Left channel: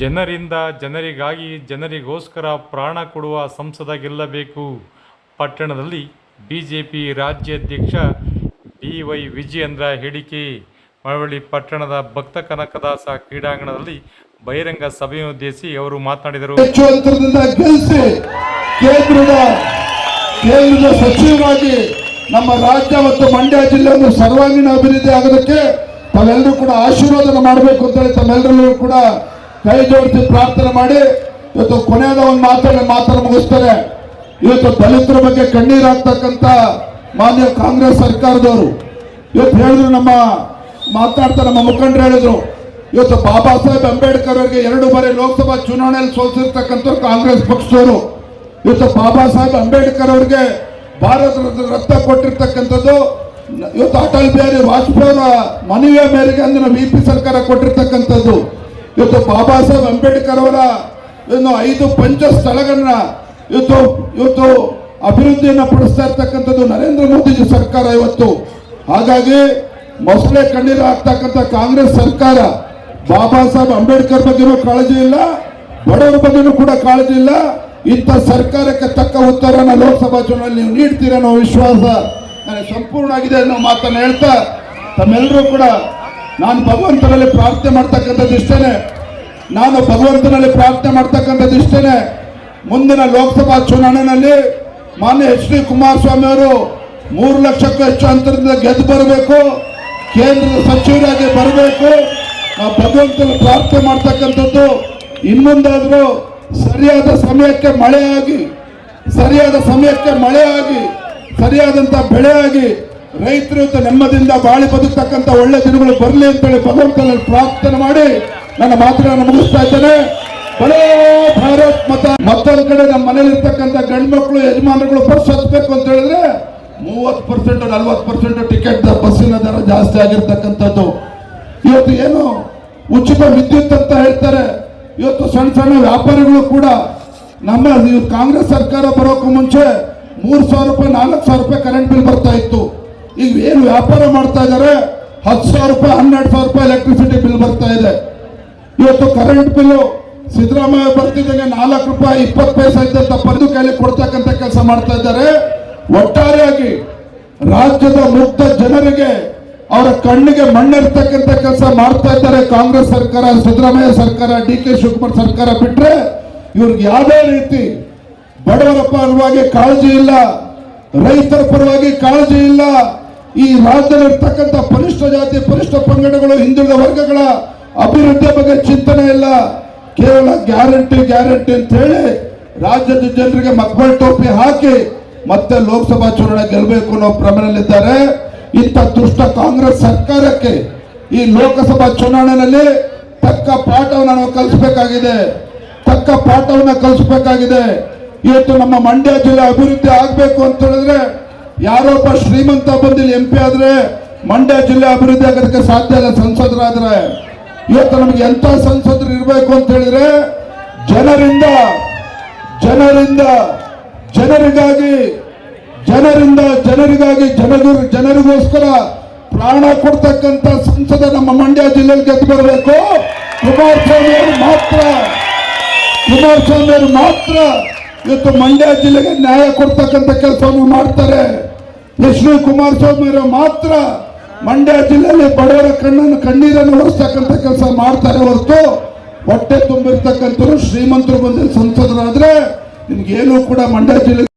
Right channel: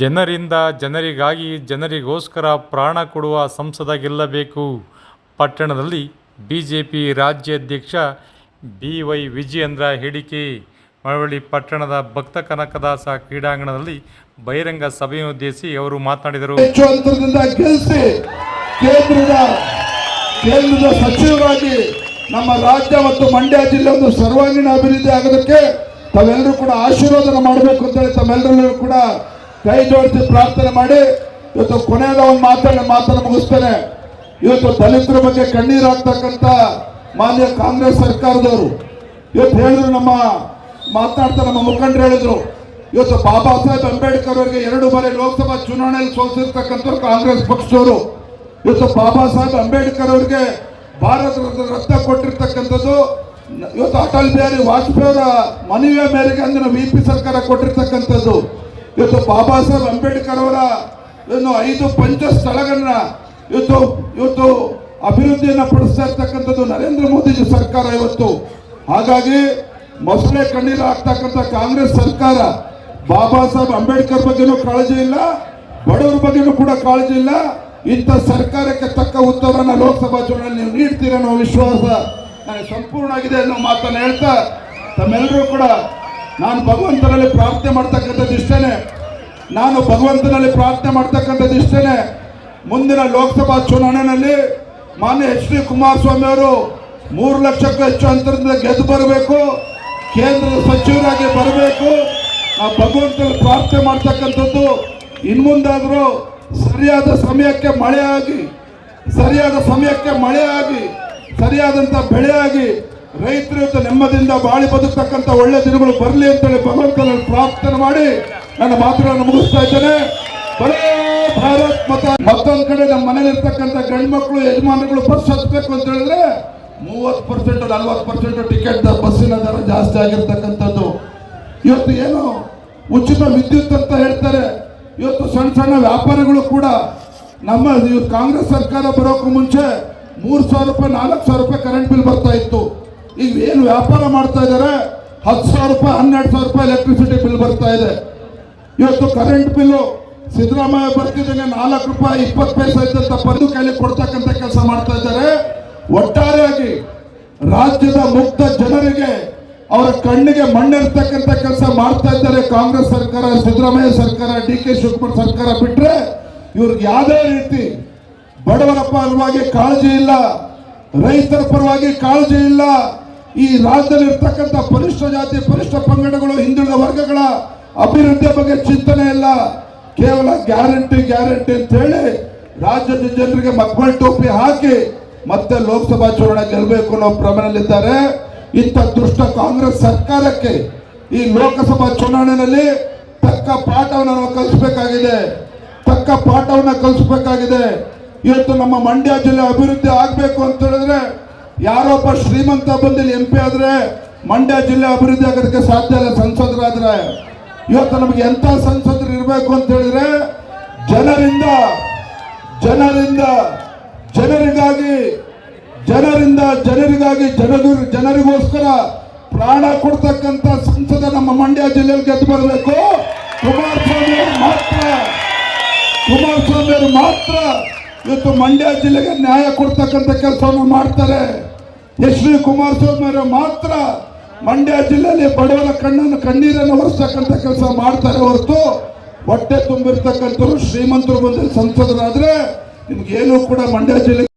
ಜನರಿಂದ ಜನರಿಗಾಗಿ ಜನರಿಗೋಸ್ಕರ ಪ್ರಾಣ ಕೊಡುವ ಸಂಸದ ಗೆಲ್ಲಬೇಕು. ಪಟ್ಟಣದಲ್ಲಿ ಬಿಜೆಪಿ ರಾಜ್ಯಾಧ್ಯಕ್ಷ BY ವಿಜಯೇಂದ್ರ ಹೇಳಿಕೆ. ಮಳವಳ್ಳಿ ಪಟ್ಟಣದ ಭಕ್ತ ಕನಕದಾಸ ಕ್ರೀಡಾಂಗಣದಲ್ಲಿ ಬಹಿರಂಗ ಸಭೆಯನ್ನುದ್ದೇಶಿಸಿ ಅವರು ಮಾತನಾಡಿದರು. ಹೆಚ್ಚು ಅಂತರದಿಂದ ಗೆಲ್ಲಿಸಿ ಕೇಂದ್ರದ ಸಚಿವರಾಗಿ ನಮ್ಮ ರಾಜ್ಯ ಮತ್ತು ಮಂಡ್ಯ ಜಿಲ್ಲೆಯನ್ನು ಸರ್ವಾಂಗೀಣ ಅಭಿವೃದ್ಧಿ ಆಗೋದಕ್ಕೆ ತಾವೆಲ್ಲರೂ ಕೂಡ ಆಶೀರ್ವಾದ ಮಾಡಬೇಕು ಅಂತ ಹೇಳಿ ತಮ್ಮೆಲ್ಲರೂ ಕೂಡ ಕೈ ಜೋಡಿಸಿ ಪ್ರಾರ್ಥನೆ ಮಾಡಿ ಇವತ್ತು ಕೊನೆಯದ ಒಂದು ಮಾತನ್ನು ಮುಗಿಸ್ತಾರೆ. ಇವತ್ತು ದಲಿತರ ಬಗ್ಗೆ ಕಣ್ಣೀರು ಹಾಕ್ತಕ್ಕಂಥ ಮಾನ್ಯ ಕಾಂಗ್ರೆಸ್ ಸರ್ಕಾರದವರು ಇವತ್ತು ಹೇಳಿದ್ರು, ನಮ್ಮ ಮುಖಂಡರು ಹೇಳಿದ್ರು, ಇವತ್ತು ಬಾಬಾ ಸಾಹೇಬ್ ಅಂಬೇಡ್ಕರ್ ಅವರಿಗೆ 2 ಬಾರಿ ಲೋಕಸಭಾ ಚುನಾವಣೆಯಲ್ಲಿ ಸೋಲಿಸಿರ್ತಕ್ಕಂಥ ಕಾಂಗ್ರೆಸ್ ಪಕ್ಷದವರು ಇವತ್ತು ಬಾಬಾ ಸಾಹೇಬ್ ಅಂಬೇಡ್ಕರ್ ಅವರಿಗೆ ಭಾರತ ರತ್ನ ಕೊಟ್ಟಿರ್ತಕ್ಕಂಥದ್ದು ಇವತ್ತು ಅಟಲ್ ಬಿಹಾರಿ ವಾಜಪೇಯಿ ಅವರ ಮನವಿಯ ಮೇರೆಗೆ ಅಂದಿನ VP ಸರ್ಕಾರ ಕೊಟ್ಟಿರ್ತಕ್ಕಂಥದ್ದು. ಇವತ್ತು ಬಾಬಾ ಸಾಹೇಬ್ ಅಂಬೇಡ್ಕರ್ ಅವರ 5 ಪಂಚ ಸ್ಥಳಗಳನ್ನ ಇವತ್ತು ಅಭಿವೃದ್ಧಿಯನ್ನು ಪಡಿಸ್ತಾ ಇರ್ತಕ್ಕಂಥದ್ದು ನರೇಂದ್ರ ಮೋದಿ ಸರ್ಕಾರ ಇವತ್ತು. ಹಾಗಾಗಿ ಮೊಸಳೆ ಕಣ್ಣೀರು ಹಾಕ್ತಕ್ಕಂಥ ಕಾಂಗ್ರೆಸ್ ಸರ್ಕಾರ ಬಾಬಾ ಸಾಹೇಬ್ ಅಂಬೇಡ್ಕರ್ ಬಗ್ಗೆನೂ ಕಾಳಜಿ ಇಲ್ಲ, ಬಡವರ ಬಗ್ಗೆನೂ ಕೂಡ ಕಾಳಜಿ ಇಲ್ಲ. ಇಂಥ ಸರ್ಕಾರಕ್ಕೆ ತಕ್ಕ ಉತ್ತರನ ಲೋಕಸಭಾ ಚುನಾವಣೆಯಲ್ಲಿ ನೀವು ನೀಡ್ತೀರ ಅನ್ನೋ ವಿಶ್ವಾಸ ನನಗೆ ಸಂಪೂರ್ಣ ಆಗಿದೆ ಅನ್ನೋ ಮಾತನ್ನು ಹೇಳ್ತಾ ತಮ್ಮೆಲ್ಲರೂ ಕೂಡ ನಾನು ಭಗವಂತನಲ್ಲಿ ಪ್ರಾರ್ಥನೆ ಮಾಡ್ತಕ್ಕಂಥದ್ದು ಇಷ್ಟೇನೆ. ಮುಂದಿನ ಲೋಕಸಭಾ ಚುನಾವಣೆಯಲ್ಲಿ ಮಾನ್ಯ HD ಕುಮಾರಸ್ವಾಮಿ ಅವರು 3 ಲಕ್ಷಕ್ಕೂ ಹೆಚ್ಚು ಅಂತರದಿಂದ ಗೆದ್ದು ಬರಬೇಕು, ಕೇಂದ್ರದ ಸಚಿವರಾಗಿ ಬರಬೇಕು. ನಾವು ಭಗವಂತನಲ್ಲಿ ಪ್ರಾರ್ಥನೆ ಮಾಡ್ತಕ್ಕಂಥದ್ದು ಇನ್ನೊಂದಾದರೂ ಸರಿಯಾದ ಸಮಯಕ್ಕೆ ಮಳೆ ಆಗಿ ಸರಿಯಾದಂಥ ಬೆಳೆ ಆಗಿ ರೈತರು ನೆಮ್ಮದಿಯಿಂದ ಬಾಳಿ ಬದುಕ್ತಕ್ಕಂಥ ಒಳ್ಳೆ ದಿನಗಳು ಬರಲಿ ಅಂತೇಳಿ ಭಗವಂತನಲ್ಲಿ ಪ್ರಾರ್ಥನೆ ಮಾಡಿ ನನ್ನ ಮಾತುಗಳನ್ನು ಮುಗಿಸ್ತಾ ಇದ್ದೇನೆ. ಬರೇ ಭಾರತ್ ಮತ್ತೊಂದು ಕಡೆ ನಮ್ಮ ಮನೇಲಿರ್ತಕ್ಕಂಥ ಗಂಡು ಮಕ್ಕಳು ಯಜಮಾನರುಗಳು ಬಸ್ ಹತ್ಬೇಕು ಅಂತ ಹೇಳಿದ್ರೆ 30% 40% ಟಿಕೆಟ್ ಬಸ್ಸಿನ ದರ ಜಾಸ್ತಿ ಆಗಿರ್ತಕ್ಕಂಥದ್ದು. ಇವತ್ತು ಏನು ಉಚಿತ ವಿದ್ಯುತ್ ಅಂತ ಹೇಳ್ತಾರೆ. ಇವತ್ತು ಸಣ್ಣ ವ್ಯಾಪಾರಿಗಳು ಕೂಡ ನಮ್ಮ ಕಾಂಗ್ರೆಸ್ ಸರ್ಕಾರ ಬರೋಕ್ಕೂ ಮುಂಚೆ 3,000 ರೂಪಾಯಿ 4,000 ರೂಪಾಯಿ ಕರೆಂಟ್ ಬಿಲ್ ಬರ್ತಾ ಇತ್ತು. ಈಗ ಏನು ವ್ಯಾಪಾರ ಮಾಡ್ತಾ ಇದ್ದಾರೆ 10,000 ರೂಪಾಯಿ 12,000 ರೂಪಾಯಿ ಎಲೆಕ್ಟ್ರಿಸಿಟಿ ಬಿಲ್ ಬರ್ತಾ ಇದೆ. ಇವತ್ತು ಕರೆಂಟ್ ಬಿಲ್ ಸಿದ್ದರಾಮಯ್ಯ ಬರ್ತಿದ್ದಂಗೆ 4 ರೂಪಾಯಿ 20 ಪೈಸೆ ಇದ್ದಂತ ಪಡೆದು ಕೈಲಿ ಕೊಡ್ತಕ್ಕಂಥ ಕೆಲಸ ಮಾಡ್ತಾ ಇದ್ದಾರೆ. ಒಟ್ಟಾರೆಯಾಗಿ ರಾಜ್ಯದ ಮುಗ್ಧ ಜನರಿಗೆ ಅವರ ಕಣ್ಣಿಗೆ ಮಣ್ಣಿರ್ತಕ್ಕಂಥ ಕೆಲಸ ಮಾಡ್ತಾ ಇದ್ದಾರೆ ಕಾಂಗ್ರೆಸ್ ಸರ್ಕಾರ, ಸಿದ್ದರಾಮಯ್ಯ ಸರ್ಕಾರ, DK ಶಿವಕುಮಾರ್ ಸರ್ಕಾರ ಬಿಟ್ರೆ ಇವ್ರಿಗೆ ಯಾವುದೇ ರೀತಿ ಬಡವರ ಪರವಾಗಿ ಕಾಳಜಿ ಇಲ್ಲ, ರೈತರ ಪರವಾಗಿ ಕಾಳಜಿ ಇಲ್ಲ. ಈ ರಾಜ್ಯದಲ್ಲಿರ್ತಕ್ಕಂಥ ಪರಿಷ್ಠ ಜಾತಿ ಪರಿಷ್ಠ ಪಂಗಡಗಳು ಹಿಂದುಳಿದ ವರ್ಗಗಳ ಅಭಿವೃದ್ಧಿ ಬಗ್ಗೆ ಚಿಂತನೆ ಇಲ್ಲ. ಕೇವಲ ಗ್ಯಾರಂಟಿ ಅಂತ ಹೇಳಿ ರಾಜ್ಯದ ಜನರಿಗೆ ಮಕ್ಕಳ ಟೋಪಿ ಹಾಕಿ ಮತ್ತೆ ಲೋಕಸಭಾ ಚುನಾವಣೆ ಗೆಲ್ಲಬೇಕು ಅನ್ನೋ ಭ್ರಮೆಯಲ್ಲಿದ್ದಾರೆ. ಇಂಥ ದುಷ್ಟ ಕಾಂಗ್ರೆಸ್ ಸರ್ಕಾರಕ್ಕೆ ಈ ಲೋಕಸಭಾ ಚುನಾವಣೆಯಲ್ಲಿ ತಕ್ಕ ಪಾಠವನ್ನು ನಾವು ಕಲಿಸಬೇಕಾಗಿದೆ. ಇವತ್ತು ನಮ್ಮ ಮಂಡ್ಯ ಜಿಲ್ಲೆ ಅಭಿವೃದ್ಧಿ ಆಗಬೇಕು ಅಂತ ಹೇಳಿದ್ರೆ ಯಾರೊಬ್ಬ ಶ್ರೀಮಂತ ಬಂದಿಲ್ಲಿ MP ಆದ್ರೆ ಮಂಡ್ಯ ಜಿಲ್ಲೆ ಅಭಿವೃದ್ಧಿ ಆಗೋದಕ್ಕೆ ಸಾಧ್ಯ ಇಲ್ಲ. ಸಂಸದರಾದ್ರೆ ಇವತ್ತು ನಮಗೆ ಎಂತ ಸಂಸದರು ಇರಬೇಕು ಅಂತ ಹೇಳಿದ್ರೆ ಜನರಿಗೋಸ್ಕರ ಪ್ರಾಣ ಕೊಡ್ತಕ್ಕಂಥ ಸಂಸದ ನಮ್ಮ ಮಂಡ್ಯ ಜಿಲ್ಲೆಯಲ್ಲಿ ಗೆದ್ದು ಬರಬೇಕು. ಕುಮಾರಸ್ವಾಮಿ ಅವರು ಮಾತ್ರ ಇವತ್ತು ಮಂಡ್ಯ ಜಿಲ್ಲೆಗೆ ನ್ಯಾಯ ಕೊಡ್ತಕ್ಕಂಥ ಕೆಲಸವನ್ನು ಮಾಡ್ತಾರೆ. HD ಕುಮಾರಸ್ವಾಮಿ ಅವರು ಮಾತ್ರ ಮಂಡ್ಯ ಜಿಲ್ಲೆಯಲ್ಲಿ ಬಡವರ ಕಣ್ಣೀರನ್ನು ಒರೆಸ್ತಕ್ಕಂಥ ಕೆಲಸ ಮಾಡ್ತಾರೆ ಹೊರತು ಹೊಟ್ಟೆ ತುಂಬಿರ್ತಕ್ಕಂಥವ್ರು ಶ್ರೀಮಂತರು ಬಂದು ಸಂಸದರಾದ್ರೆ ನಿಮ್ಗೇನು ಕೂಡ ಮಂಡ್ಯ ಜಿಲ್ಲೆ